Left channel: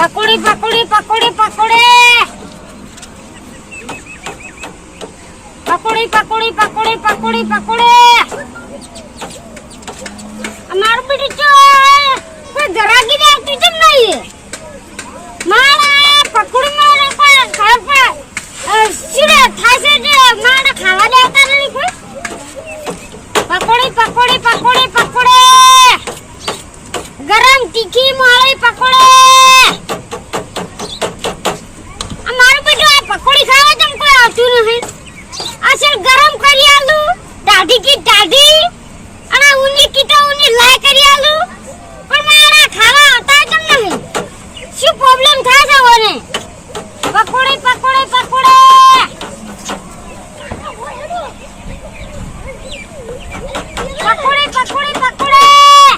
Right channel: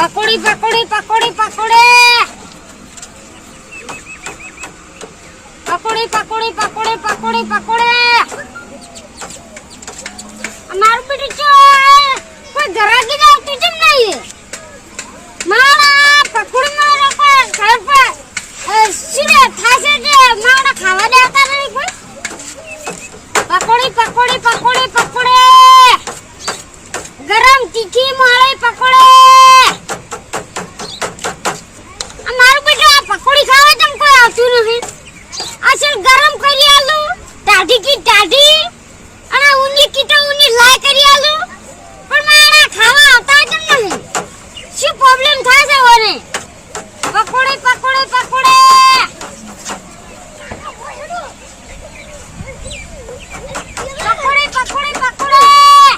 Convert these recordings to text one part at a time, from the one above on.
પકોડી પકોડી પકોડી પકોડી. પકોડી પકોડી પકોડી પકોડી પકોડી. અમારું બેટું ચો કોઈ ગરાગી ને આવતું કેમ નહીં મારા પકોડી માં કોઈ ખબર પડે સીડે થાશે જે મારા ખાવા દેતા નહીં કોઈ પકોડી પકોડી પકોડી પકોડી ગરમ તીખી મોળી પકોડી આ મારું બેટું આ પકોડી ખાવા જેમ કોઈ આવતું નથી અસલ ગરમ કરી આલું ટાઢી કી ટાઢી અને ઊની કી તો ઊની લાય કરી આલું પણ મારા ખાવા આવતા કેમ નહીં શું પ્રોબ્લેમ થાય છે ઓને પકોડી પકોડી પકોડી. પકોડી પકોડી પકોડી.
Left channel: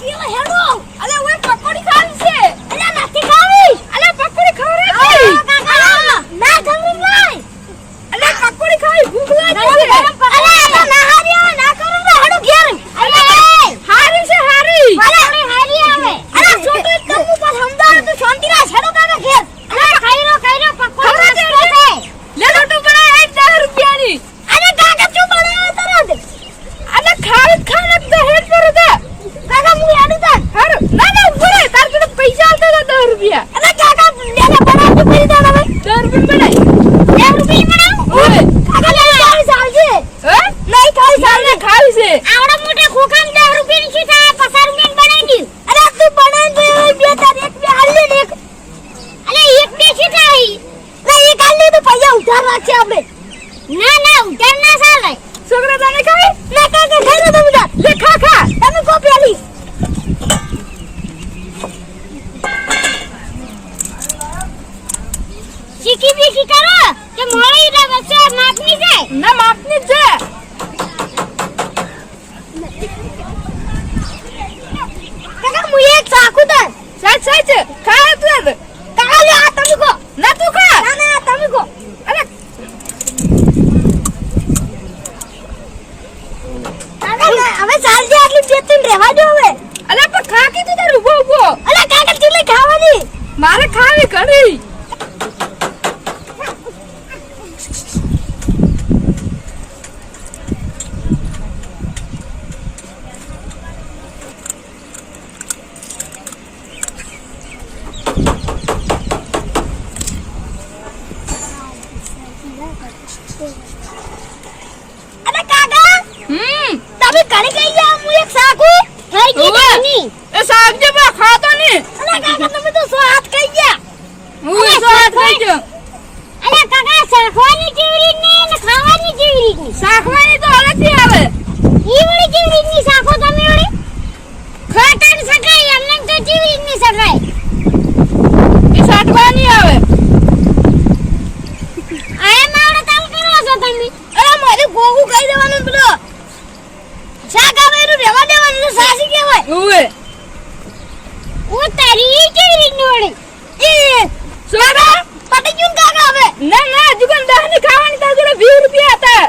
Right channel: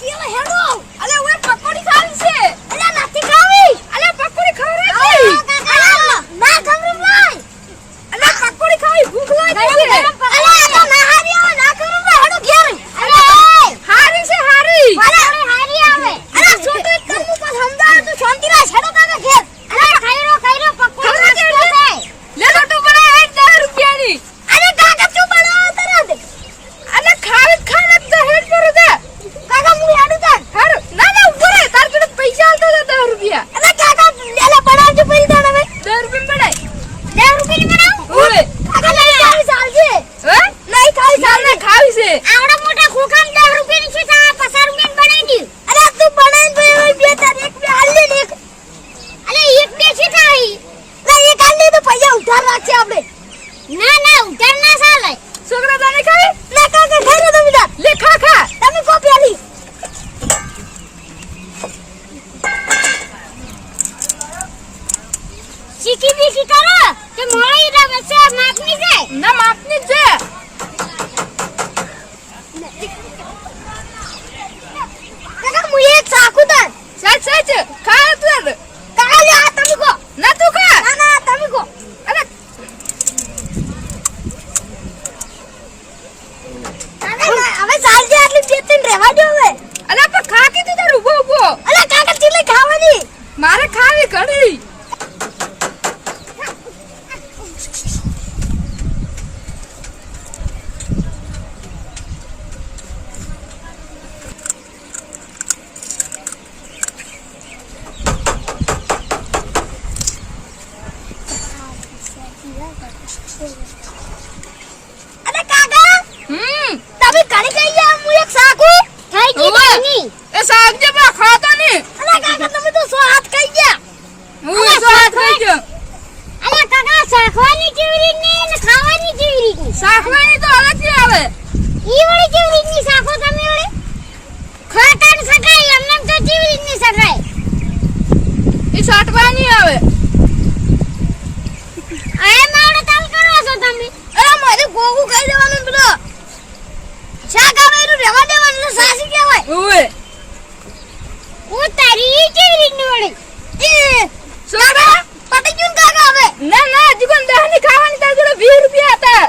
પેલો હેડો. અલે ઓય પકોડી ખાવી છે. અલે નથી ખાવી. અલે પકોડી ખવડાવી ના ખવરી લાય. અલે પકોડી ખાવી ભૂખ લાગી છે કેટલા વર્ષે માપની છે? ના માપની છે. કાકા મુયે ચાકુ દર સાચ સાચ ખા તું કાલે આ તમે કો ના તું અબે કરી ગઈ જા હું એક સાકુ થઈ ગઈ જાની એ સાક જે બા ખાતો ની? અલા કાકા તમે તો સો હાથ ખાઈ ગયા. હું સો હાથ ખાઈ ગયો. અલા કાકા સાખવાની જીવરી ને ખાવાની જીવરી સાખવાની તો અલગથી આવે. ઓવે હું તારી રીતની વળી? એ સોડા. પટી ગયું ને કાકા હવે. ના ના હજી પણ દહની ખાવાની તાર જોડે 20 રૂપિયા હતા.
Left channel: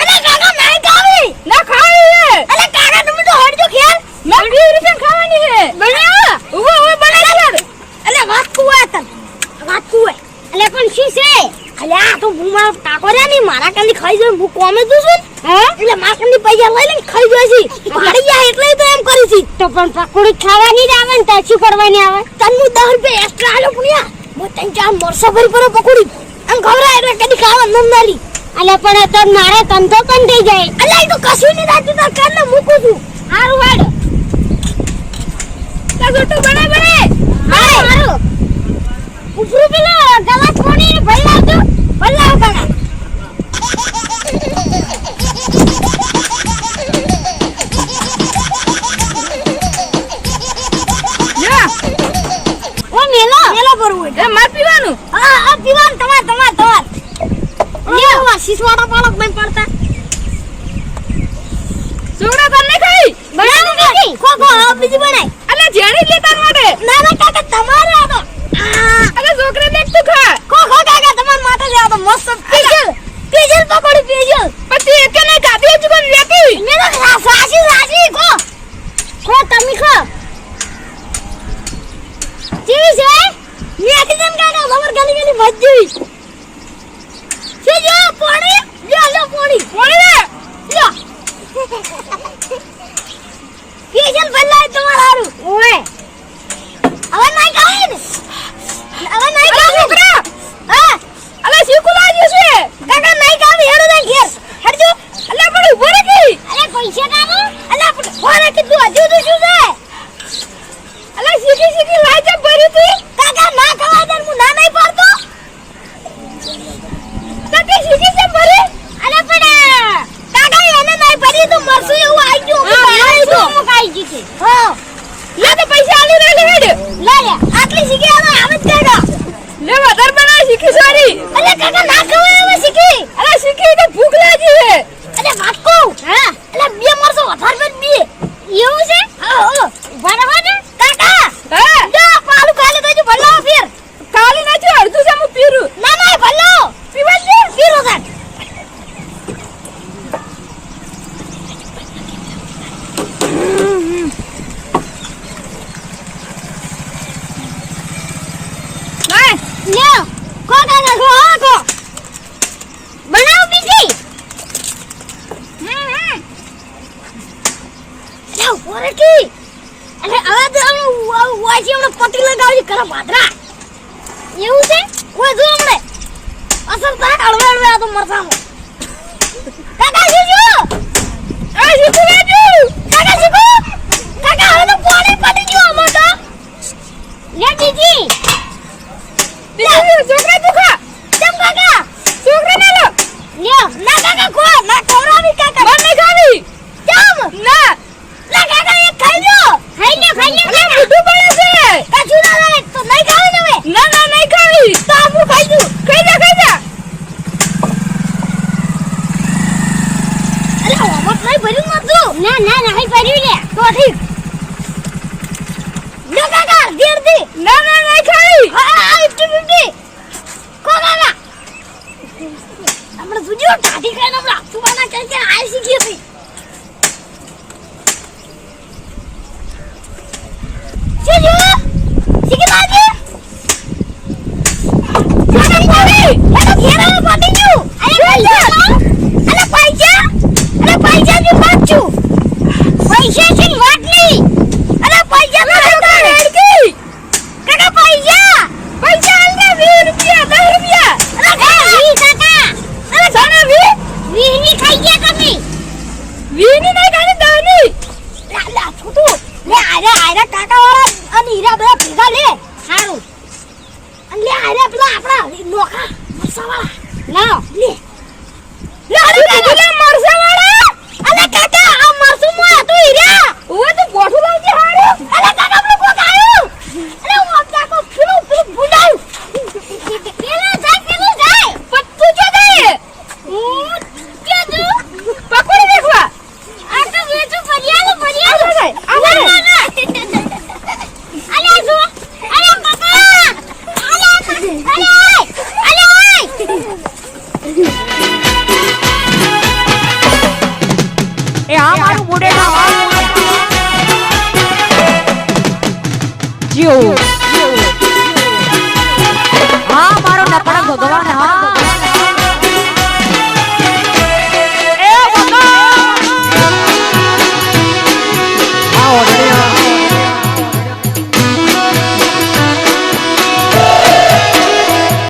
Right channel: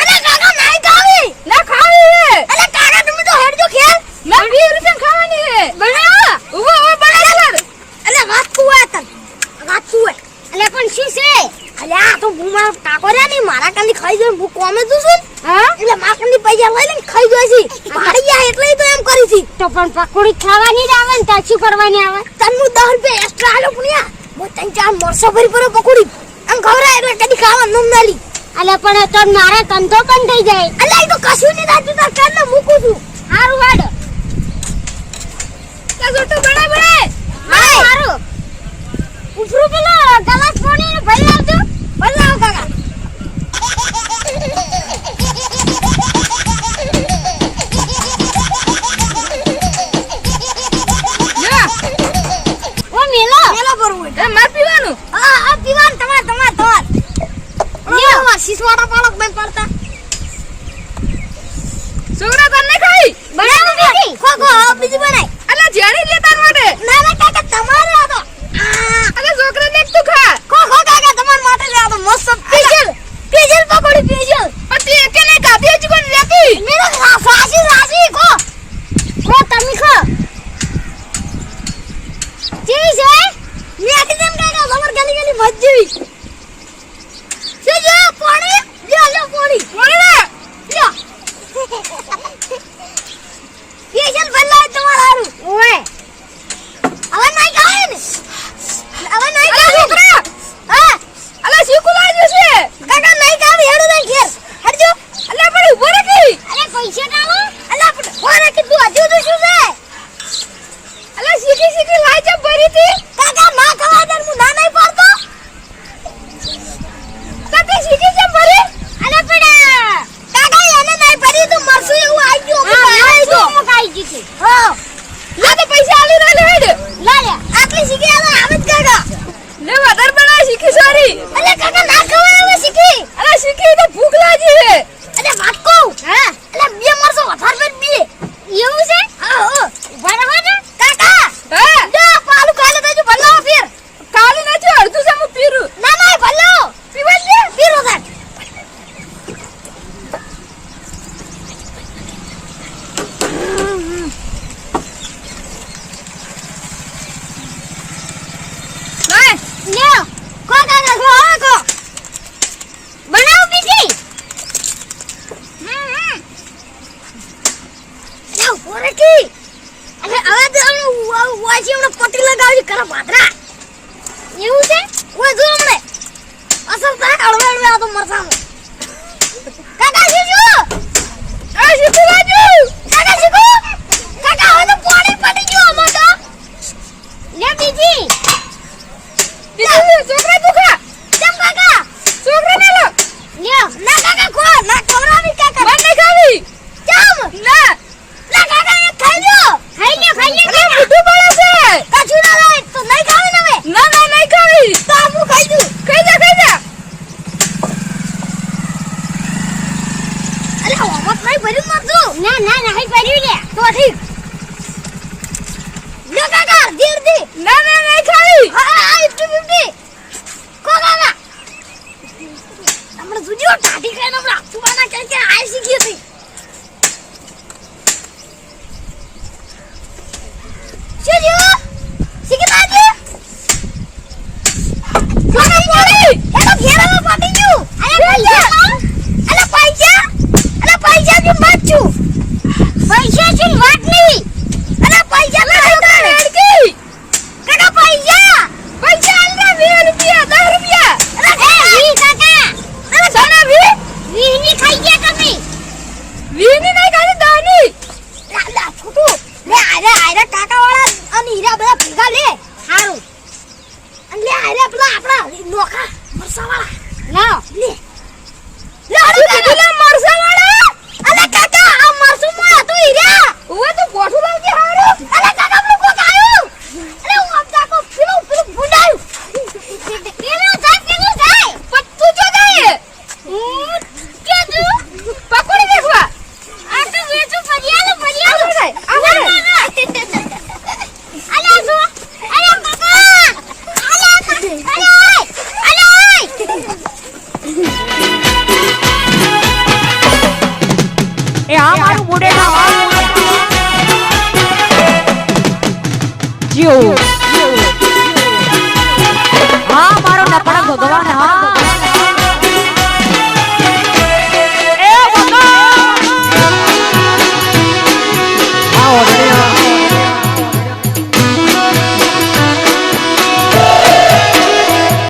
અરે કાકા નહીં ખાવી ના ખાવી અરે કાકા તમે તો હટજો ખેલ. ના 20 રૂપિયા ખાવાની હે. બનાવો ઊભો ઊભો બનાવ અરે વાત કુવા તન વાત કુવા અલે પણ શું છે? અલે તો હું મારો ની મારા કાંદી ખાઈ જોઈ હું કોમે તું છું હા? એટલે મારા કાંદી પૈસા લઈ લઈને ખાઈ જોઈ છી. મારી ગયા એટલે તો એમ કરી છી. તો પણ પકોડી ખાવાની જ આવે ને તાર શું કરવાની આવે? તન હું 10 રૂપિયા એક્સ્ટ્રા આલો પુણ્યા. હું તને ચાર મરસો ભરી પર પકોડી. આમ ખવરા એટલે કદી ખાવા નમ નાલી અલે પણ તો મારે ધંધો પણ થઈ જાય. અલે તો કશું નહીં થતું તાર કાન મૂકું છું. હારું વાડ તા ગોટો બનાય બનાય. હારું મારું ઉપરું પેલો ગલા પાણી ભલ્લા લાવજો ભલ્લા લાવો કાકા. નાખો હવે બીજી બનાય. અલે જેણી લે તાર માટે ના ના કાકા તમારે આ તો અલે છોકરી દેખ તું ખા. ખો ખો કાકા તમાર માટે લે આ તો મસ્ત પીજલ. પીજલ પકોડી પીજલ. પતિ એકે ને કાપી જ કોણ લેતી મે તો સાસી સાસી ખો તમે ખો. જી છે? મેથી તમ કાકા ખબર ગલી ગલી મજ્જી છે પાણી. લે લે પાણી. પાણી લે. લે હોય સોરઠી અને હવે તો હમણાં હોય છે હમણાં પટી લગાવી કરો ભાદરા એવું છે? ઓય જો હમણે અસર થાય અળવે અળવે આ તો મરસામાં. કાકા, શું શીખું કાકા શીખું તો ઠીક. 说话啦 no